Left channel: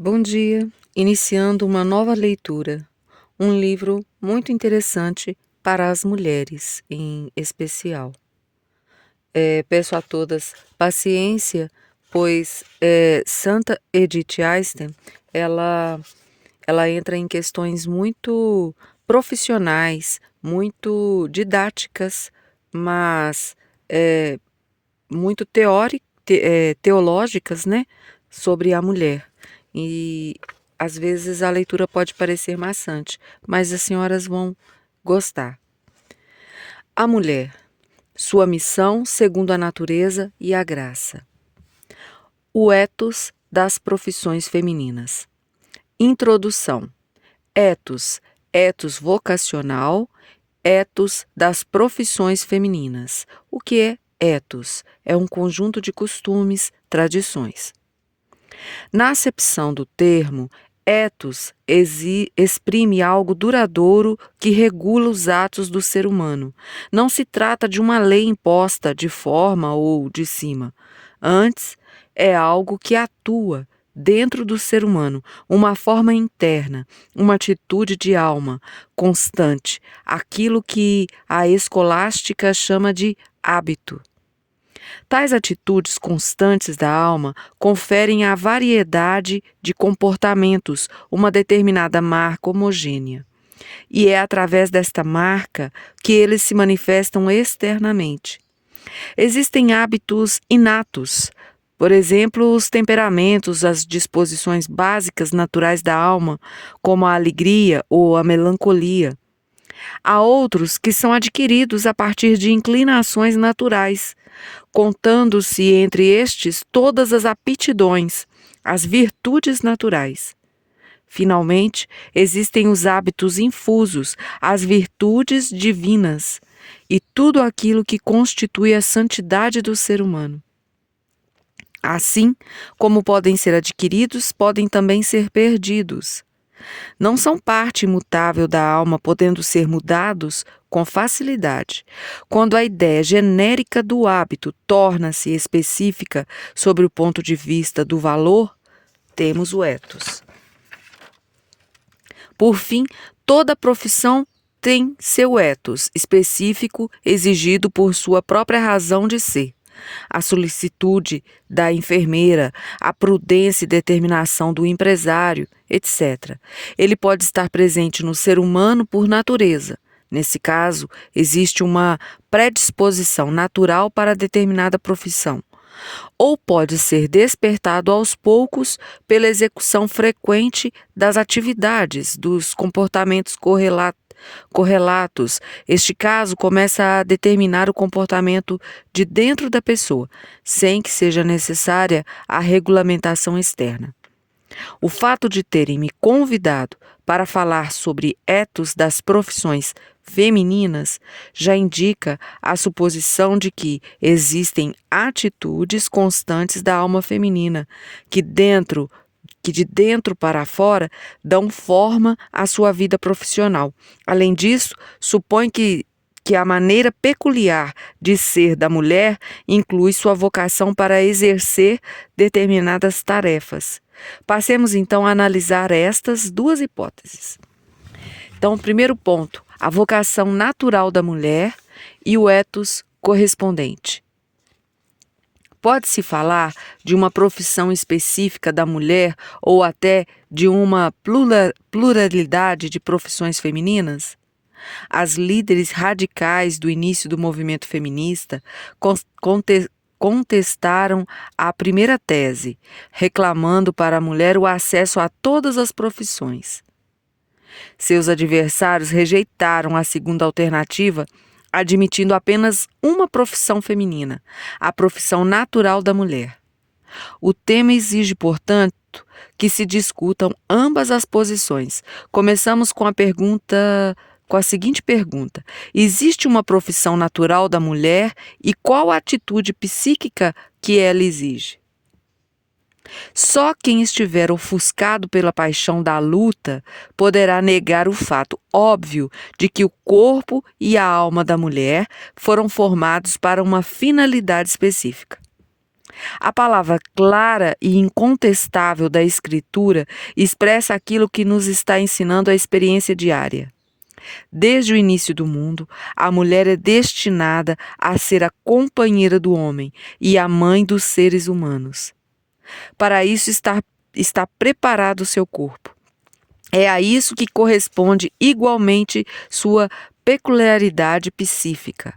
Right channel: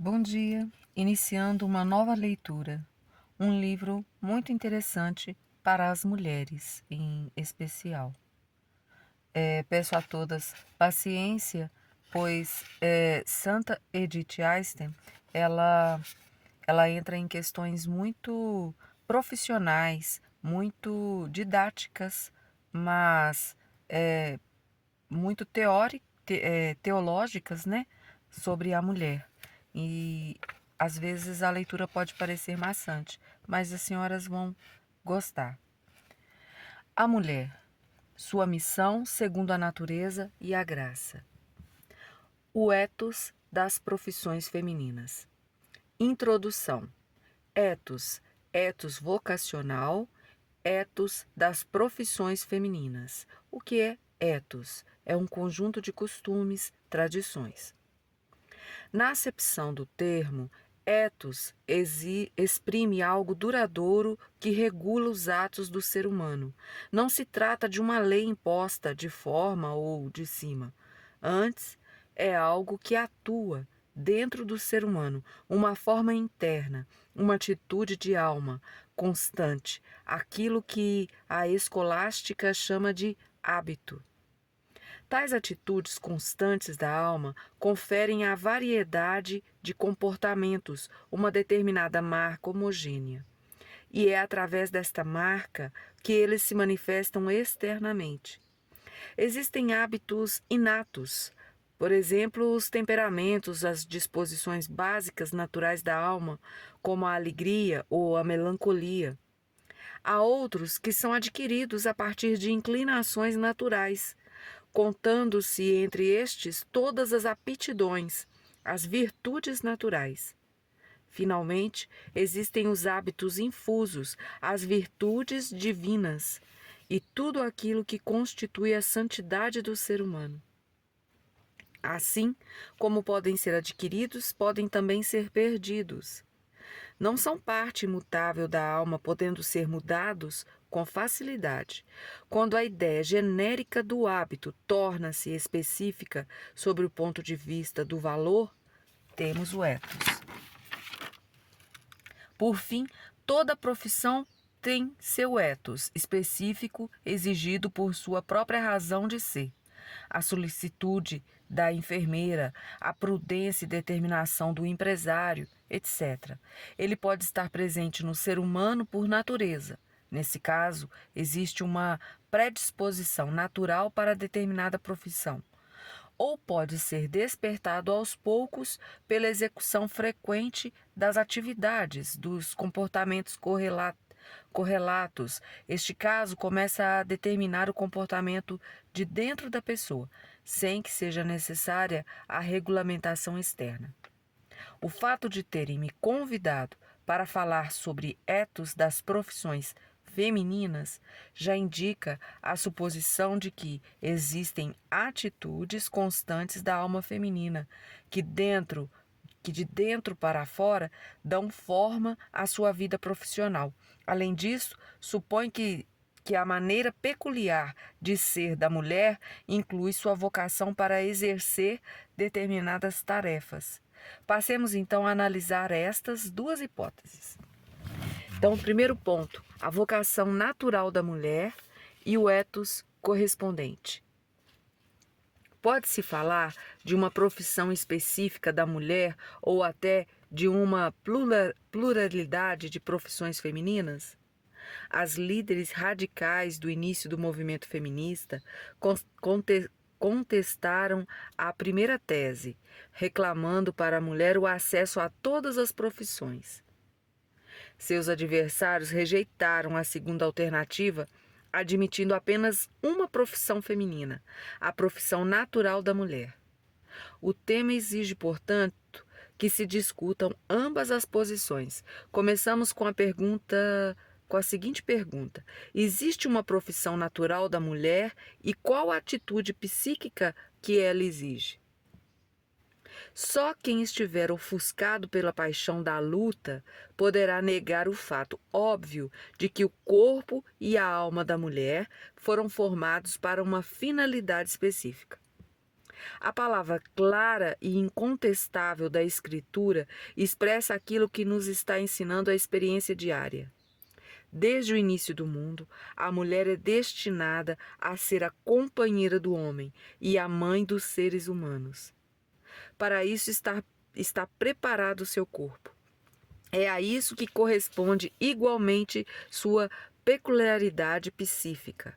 Bom dia! Iniciando uma nova leitura, um livro muito interessante para as mulheres, em especial. Peço a todas paciência, pois Santa Edith Einstein, ela, ela entra em questões muito profissionais, muito didáticas, mas muito teológicas, né, sobre a mulher. E às vezes a leitura pode parecer maçante, mas as senhoras vão gostar. A mulher, sua missão segundo a natureza e a graça. O ethos das profissões femininas. Introdução. Ethos vocacional, ethos das profissões femininas. O que é ethos? É um conjunto de costumes, tradições. Na acepção do termo, ethos exprime algo duradouro que regula os atos do ser humano. Não se trata de uma lei imposta de forma ou de cima. Antes, é algo que atua dentro do ser humano, uma forma interna, uma atitude de alma constante, aquilo que a escolástica chama de hábito. Tais atitudes constantes da alma conferem à variedade de comportamentos uma determinada marca homogênea. E é através desta marca que eles se manifestam externamente. Existem hábitos inatos, por exemplo, os temperamentos, as disposições básicas naturais da alma, como a alegria ou a melancolia. Há outros que são adquiridos a partir de inclinações naturais, contando-se entre estes todas as aptidões, as virtudes naturais. Finalmente, existem os hábitos infusos, as virtudes divinas e tudo aquilo que constitui a santidade do ser humano. Assim como podem ser adquiridos, podem também ser perdidos. Não são parte imutável da alma, podendo ser mudados com facilidade. Quando a ideia genérica do hábito torna-se específica sobre o ponto de vista do valor, temos o ethos. Por fim, toda profissão tem seu ethos específico exigido por sua própria razão de ser. A solicitude da enfermeira, a prudência e determinação do empresário, etc. Ele pode estar presente no ser humano por natureza. Nesse caso, existe uma predisposição natural para determinada profissão. Ou pode ser despertado aos poucos pela execução frequente das atividades, dos comportamentos correlatos. Este caso começa a determinar o comportamento de dentro da pessoa, sem que seja necessária a regulamentação externa. O fato de terem me convidado para falar sobre ethos das profissões femininas já indica a suposição de que existem atitudes constantes da alma feminina que de dentro para fora dão forma à sua vida profissional. Além disso, supõe que a maneira peculiar de ser da mulher inclui sua vocação para exercer determinadas tarefas. Passemos então a analisar estas duas hipóteses. Então, o primeiro ponto, a vocação natural da mulher e o ethos correspondente. Pode-se falar de uma profissão específica da mulher ou até de uma pluralidade de profissões femininas? As líderes radicais do início do movimento feminista contestaram a primeira tese, reclamando para a mulher o acesso a todas as profissões. Seus adversários rejeitaram a segunda alternativa, admitindo apenas uma profissão feminina, a profissão natural da mulher. O tema exige, portanto, que se discutam ambas as posições. Começamos com a seguinte pergunta: existe uma profissão natural da mulher e qual a atitude psíquica que ela exige? Só quem estiver ofuscado pela paixão da luta poderá negar o fato óbvio de que o corpo e a alma da mulher foram formados para uma finalidade específica. A palavra clara e incontestável da Escritura expressa aquilo que nos está ensinando a experiência diária. Desde o início do mundo, a mulher é destinada a ser a companheira do homem e a mãe dos seres humanos. Para isso está preparado o seu corpo. É a isso que corresponde igualmente sua peculiaridade psíquica.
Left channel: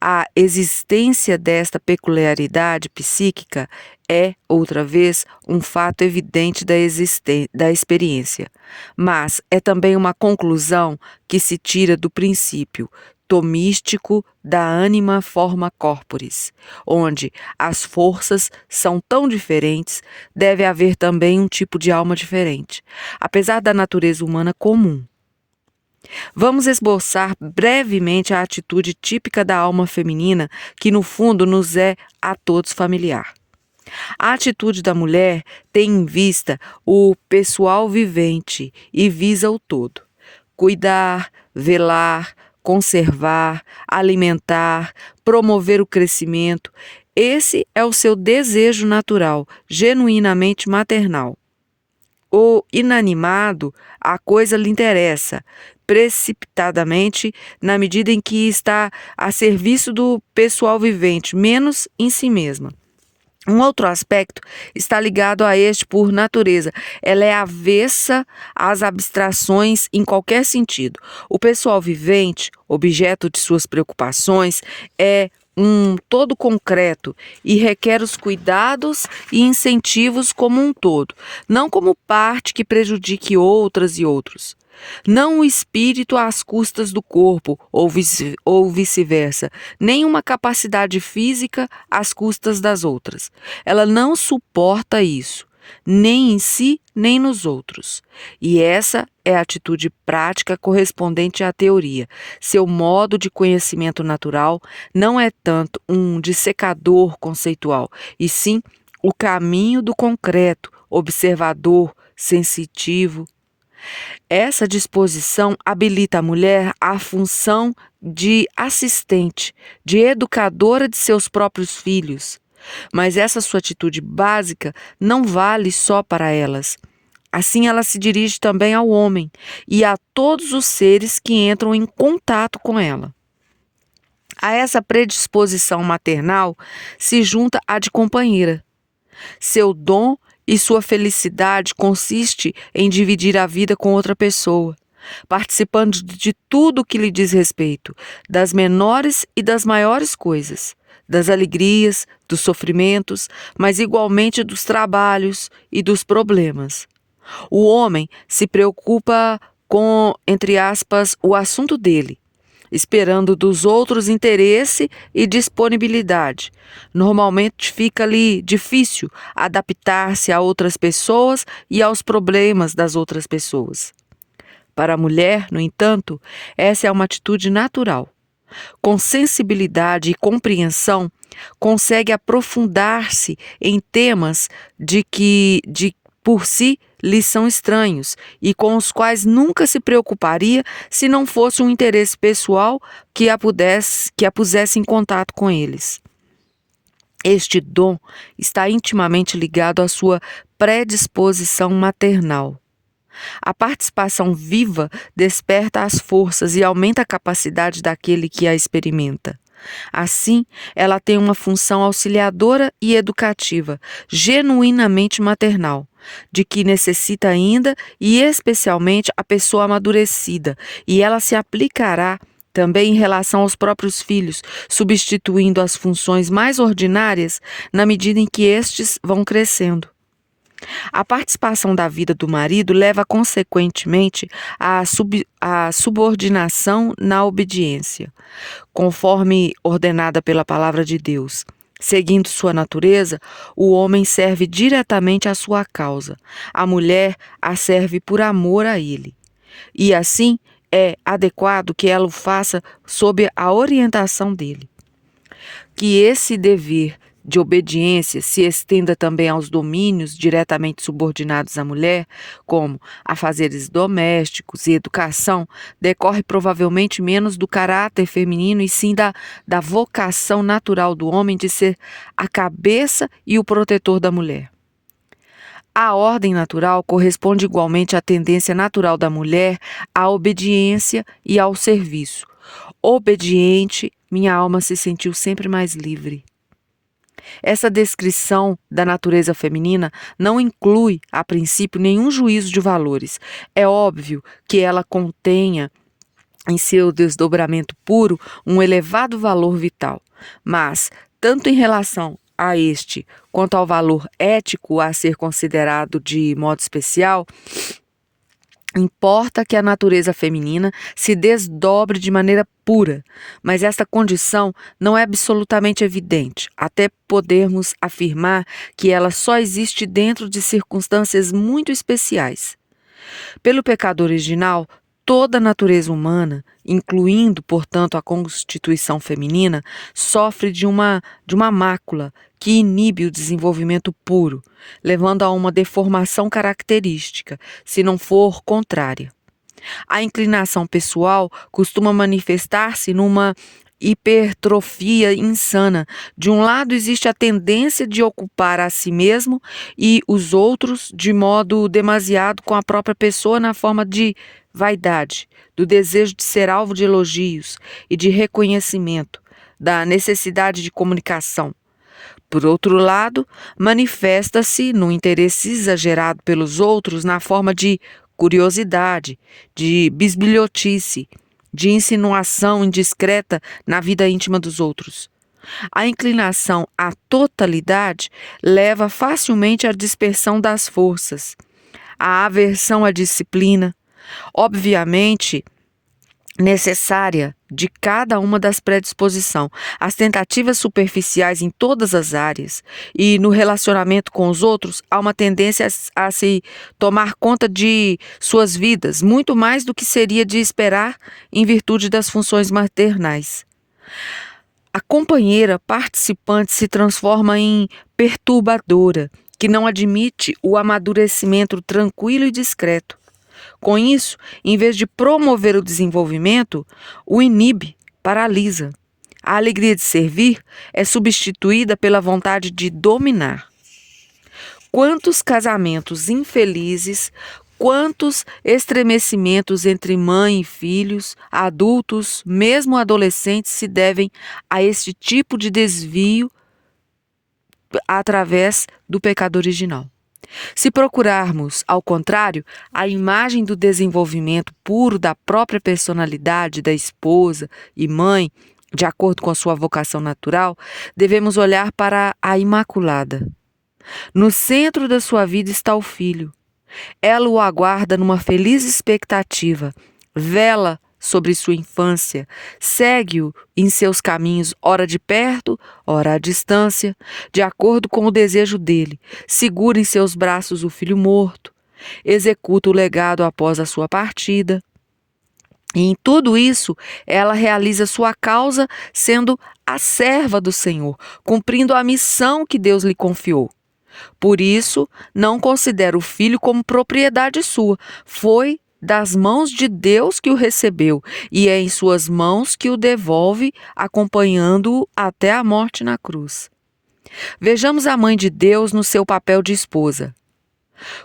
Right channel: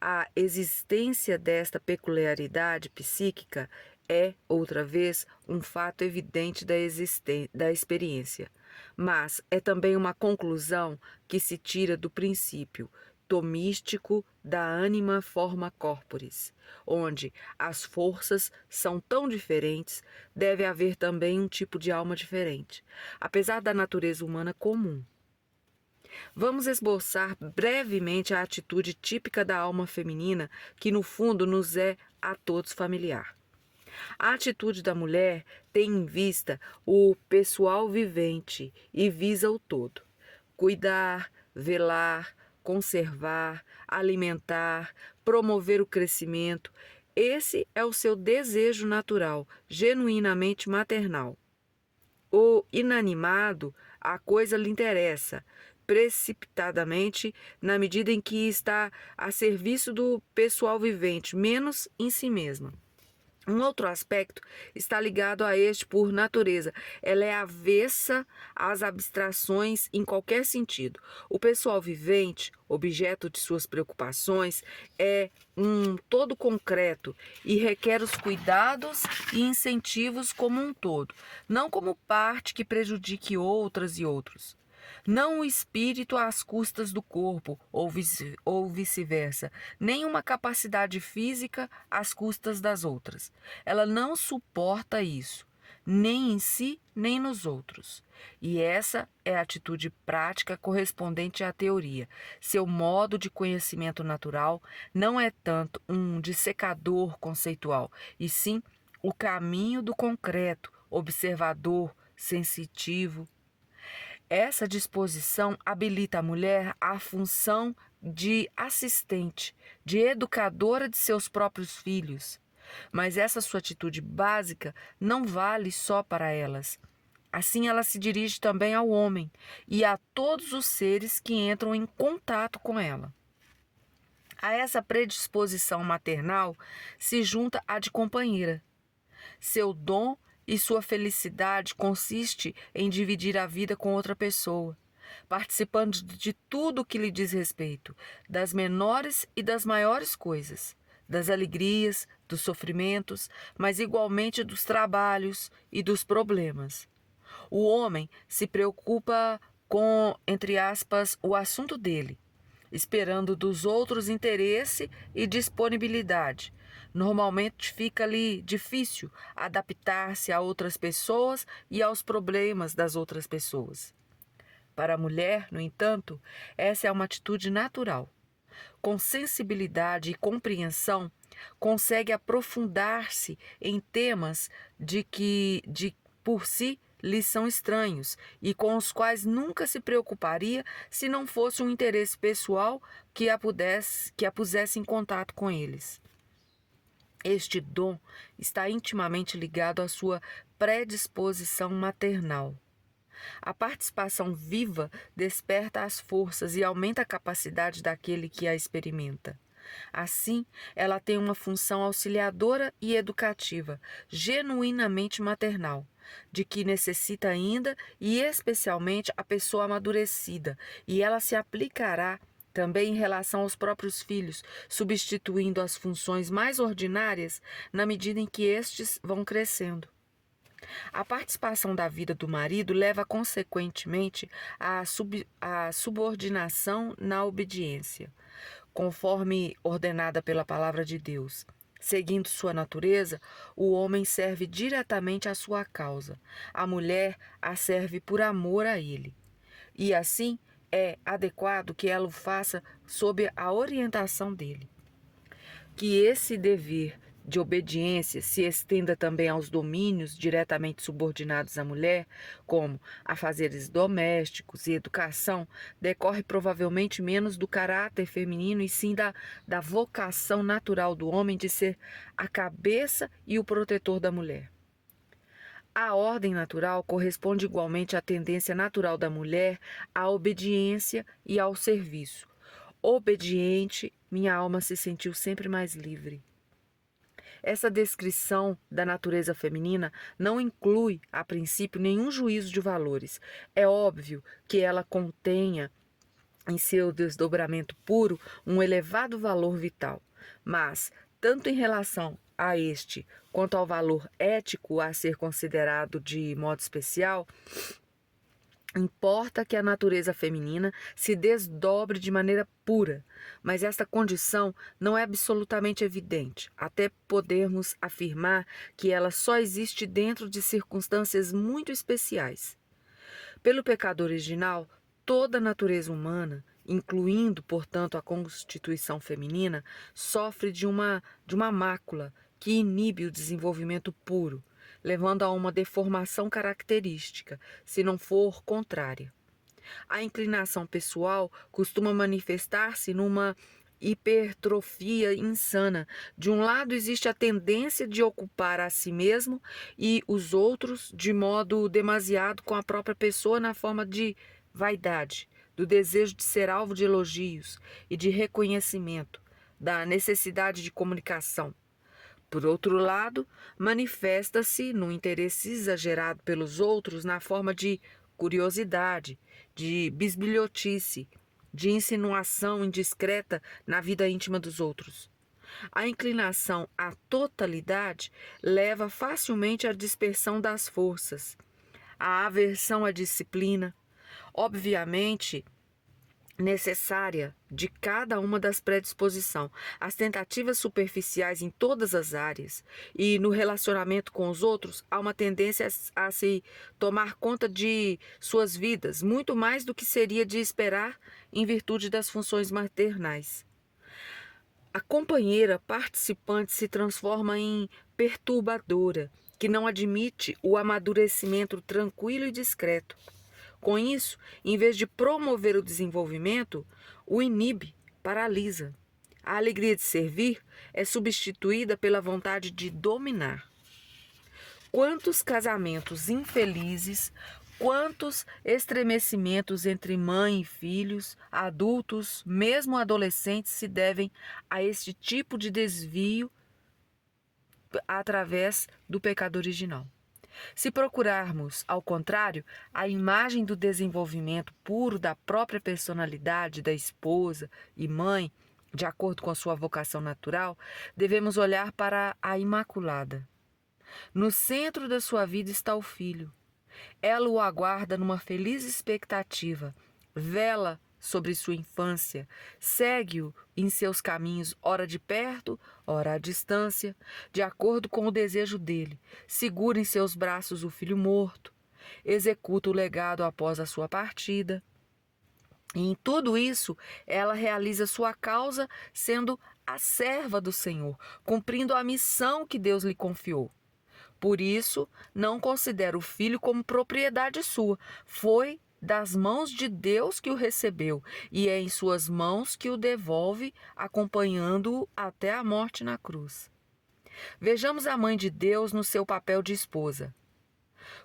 A existência desta peculiaridade psíquica é, outra vez, um fato evidente da experiência, mas é também uma conclusão que se tira do princípio tomístico da anima forma corporis, onde as forças são tão diferentes, deve haver também um tipo de alma diferente, apesar da natureza humana comum. Vamos esboçar brevemente a atitude típica da alma feminina, que no fundo nos é a todos familiar. A atitude da mulher tem em vista o pessoal vivente e visa o todo. Cuidar, velar, conservar, alimentar, promover o crescimento. Esse é o seu desejo natural, genuinamente maternal. O inanimado, a coisa lhe interessa, precipitadamente, na medida em que está a serviço do pessoal vivente, menos em si mesma. Um outro aspecto está ligado a este por natureza. Ela é avessa às abstrações em qualquer sentido. O pessoal vivente, objeto de suas preocupações, é um todo concreto e requer os cuidados e incentivos como um todo, não como parte que prejudique outras e outros. Não o espírito às custas do corpo, ou vice-versa, nem uma capacidade física às custas das outras. Ela não suporta isso, nem em si, nem nos outros. E essa é a atitude prática correspondente à teoria. Seu modo de conhecimento natural não é tanto um dissecador conceitual, e sim o caminho do concreto, observador, sensitivo. Essa disposição habilita a mulher à função de assistente, de educadora de seus próprios filhos. Mas essa sua atitude básica não vale só para elas. Assim, ela se dirige também ao homem e a todos os seres que entram em contato com ela. A essa predisposição maternal se junta a de companheira. Seu dom e sua felicidade consiste em dividir a vida com outra pessoa, participando de tudo que lhe diz respeito, das menores e das maiores coisas, das alegrias, dos sofrimentos, mas igualmente dos trabalhos e dos problemas. O homem se preocupa com, entre aspas, o assunto dele, esperando dos outros interesse e disponibilidade. Normalmente fica-lhe difícil adaptar-se a outras pessoas e aos problemas das outras pessoas. Para a mulher, no entanto, essa é uma atitude natural. Com sensibilidade e compreensão, consegue aprofundar-se em temas de por si lhe são estranhos e com os quais nunca se preocuparia se não fosse um interesse pessoal que a pusesse em contato com eles. Este dom está intimamente ligado à sua predisposição maternal. A participação viva desperta as forças e aumenta a capacidade daquele que a experimenta. Assim, ela tem uma função auxiliadora e educativa, genuinamente maternal, de que necessita ainda e especialmente a pessoa amadurecida, e ela se aplicará também em relação aos próprios filhos, substituindo as funções mais ordinárias na medida em que estes vão crescendo. A participação da vida do marido leva, consequentemente, à subordinação na obediência, conforme ordenada pela palavra de Deus. Seguindo sua natureza, o homem serve diretamente à sua causa, a mulher a serve por amor a ele. E assim é adequado que ela o faça sob a orientação dele. Que esse dever de obediência se estenda também aos domínios diretamente subordinados à mulher, como afazeres domésticos e educação, decorre provavelmente menos do caráter feminino e sim da vocação natural do homem de ser a cabeça e o protetor da mulher. A ordem natural corresponde igualmente à tendência natural da mulher à obediência e ao serviço. Obediente, minha alma se sentiu sempre mais livre. Essa descrição da natureza feminina não inclui, a princípio, nenhum juízo de valores. É óbvio que ela contenha, em seu desdobramento puro, um elevado valor vital, mas, tanto em relação a este quanto ao valor ético a ser considerado de modo especial, importa que a natureza feminina se desdobre de maneira pura, mas esta condição não é absolutamente evidente, até podermos afirmar que ela só existe dentro de circunstâncias muito especiais. Pelo pecado original, toda a natureza humana, incluindo, portanto, a constituição feminina, sofre de uma mácula que inibe o desenvolvimento puro, levando a uma deformação característica, se não for contrária. A inclinação pessoal costuma manifestar-se numa hipertrofia insana. De um lado, existe a tendência de ocupar a si mesmo e os outros de modo demasiado com a própria pessoa na forma de vaidade, do desejo de ser alvo de elogios e de reconhecimento, da necessidade de comunicação. Por outro lado, manifesta-se no interesse exagerado pelos outros na forma de curiosidade, de bisbilhotice, de insinuação indiscreta na vida íntima dos outros. A inclinação à totalidade leva facilmente à dispersão das forças, à aversão à disciplina, obviamente necessária de cada uma das predisposições, as tentativas superficiais em todas as áreas e no relacionamento com os outros há uma tendência a se tomar conta de suas vidas, muito mais do que seria de esperar em virtude das funções maternais. A companheira participante se transforma em perturbadora, que não admite o amadurecimento tranquilo e discreto. Com isso, em vez de promover o desenvolvimento, o inibe, paralisa. A alegria de servir é substituída pela vontade de dominar. Quantos casamentos infelizes, quantos estremecimentos entre mãe e filhos, adultos, mesmo adolescentes, se devem a este tipo de desvio através do pecado original. Se procurarmos, ao contrário, a imagem do desenvolvimento puro da própria personalidade da esposa e mãe, de acordo com a sua vocação natural, devemos olhar para a Imaculada. No centro da sua vida está o Filho. Ela o aguarda numa feliz expectativa, vela sobre sua infância, segue-o em seus caminhos, ora de perto, ora à distância, de acordo com o desejo dele, segura em seus braços o filho morto, executa o legado após a sua partida. E em tudo isso, ela realiza sua causa sendo a serva do Senhor, cumprindo a missão que Deus lhe confiou. Por isso, não considera o filho como propriedade sua. Foi das mãos de Deus que o recebeu e é em suas mãos que o devolve, acompanhando-o até a morte na cruz. Vejamos a mãe de Deus no seu papel de esposa.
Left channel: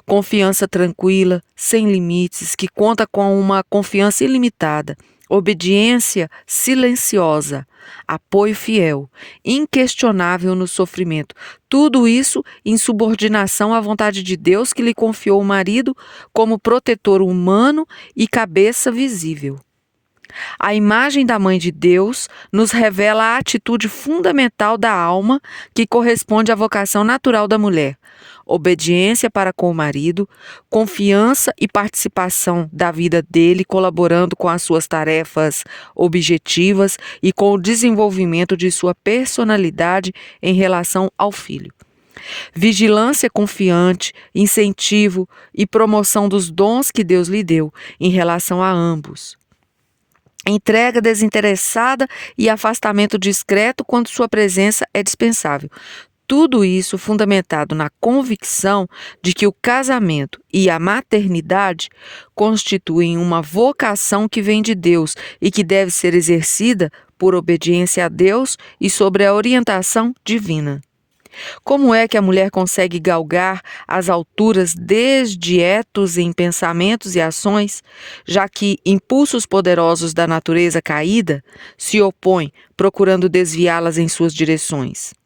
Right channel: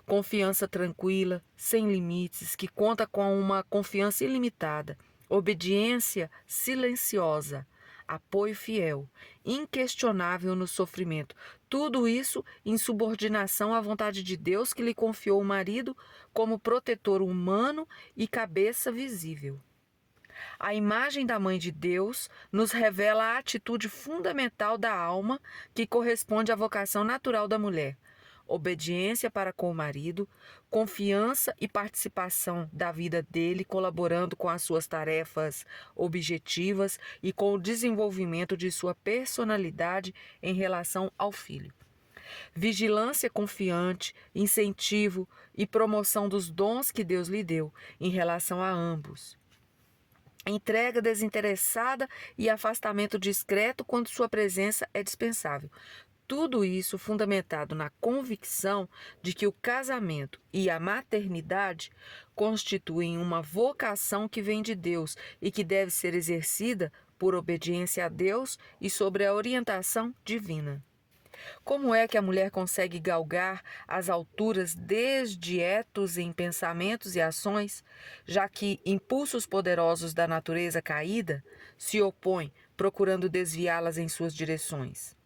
Confiança tranquila, sem limites, que conta com uma confiança ilimitada, obediência silenciosa, apoio fiel, inquestionável no sofrimento. Tudo isso em subordinação à vontade de Deus que lhe confiou o marido como protetor humano e cabeça visível. A imagem da Mãe de Deus nos revela a atitude fundamental da alma que corresponde à vocação natural da mulher. Obediência para com o marido, confiança e participação da vida dele, colaborando com as suas tarefas objetivas e com o desenvolvimento de sua personalidade em relação ao filho. Vigilância confiante, incentivo e promoção dos dons que Deus lhe deu em relação a ambos. Entrega desinteressada e afastamento discreto quando sua presença é dispensável. Tudo isso fundamentado na convicção de que o casamento e a maternidade constituem uma vocação que vem de Deus e que deve ser exercida por obediência a Deus e sobre a orientação divina. Como é que a mulher consegue galgar as alturas desde etos em pensamentos e ações, já que impulsos poderosos da natureza caída se opõem, procurando desviá-las em suas direções?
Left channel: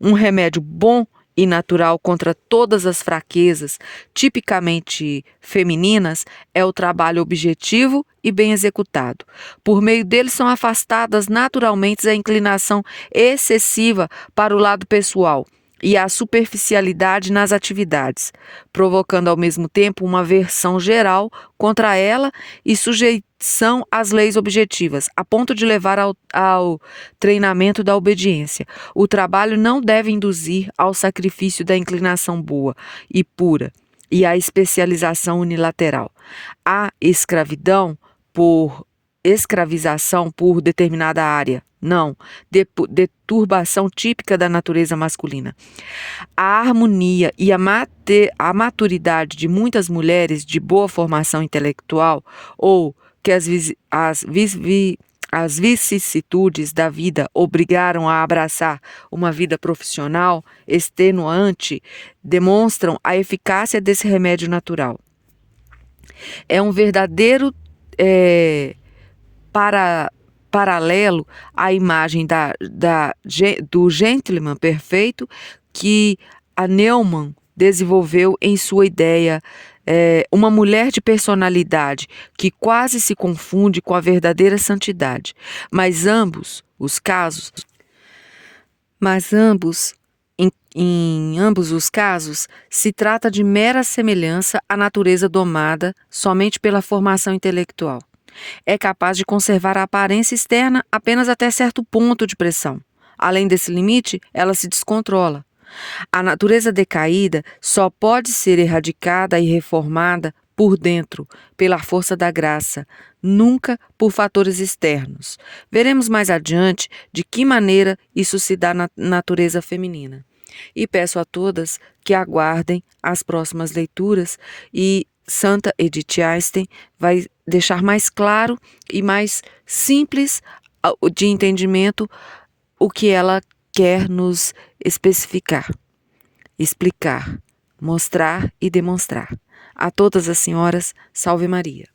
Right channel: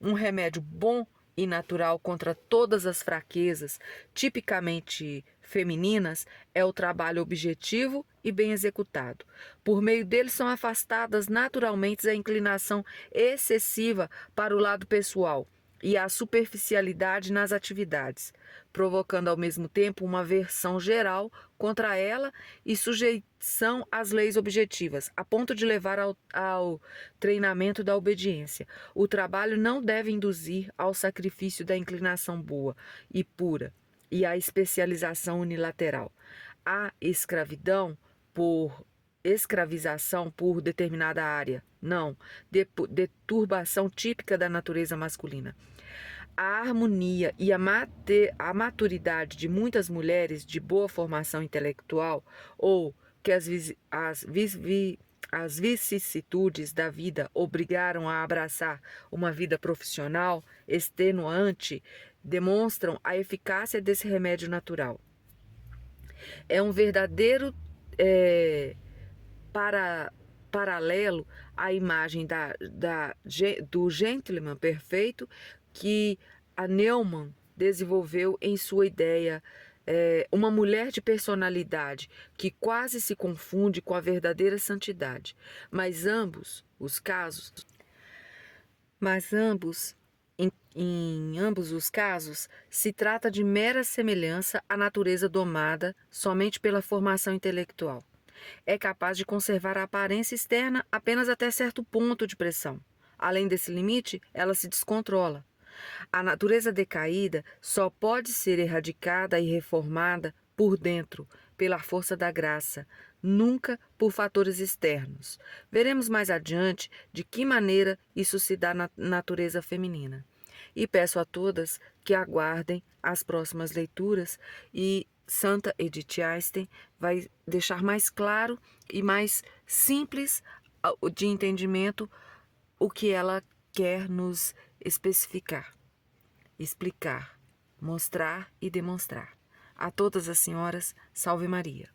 Um remédio bom e natural contra todas as fraquezas tipicamente femininas é o trabalho objetivo e bem executado. Por meio dele são afastadas naturalmente a inclinação excessiva para o lado pessoal e a superficialidade nas atividades, provocando ao mesmo tempo uma aversão geral contra ela e sujeição às leis objetivas, a ponto de levar ao treinamento da obediência. O trabalho não deve induzir ao sacrifício da inclinação boa e pura e à especialização unilateral. A escravização por determinada área. Não, deturbação típica da natureza masculina. A harmonia e a maturidade de muitas mulheres de boa formação intelectual ou que as vicissitudes da vida obrigaram a abraçar uma vida profissional extenuante demonstram a eficácia desse remédio natural. É um verdadeiro paralelo à imagem do gentleman perfeito que a Neumann desenvolveu em sua ideia, uma mulher de personalidade que quase se confunde com a verdadeira santidade. Mas em ambos os casos, se trata de mera semelhança à natureza domada somente pela formação intelectual. É capaz de conservar a aparência externa apenas até certo ponto de pressão. Além desse limite, ela se descontrola. A natureza decaída só pode ser erradicada e reformada por dentro, pela força da graça, nunca por fatores externos. Veremos mais adiante de que maneira isso se dá na natureza feminina. E peço a todas que aguardem as próximas leituras e Santa Edith Einstein vai deixar mais claro e mais simples de entendimento o que ela quer nos especificar, explicar, mostrar e demonstrar. A todas as senhoras, salve Maria.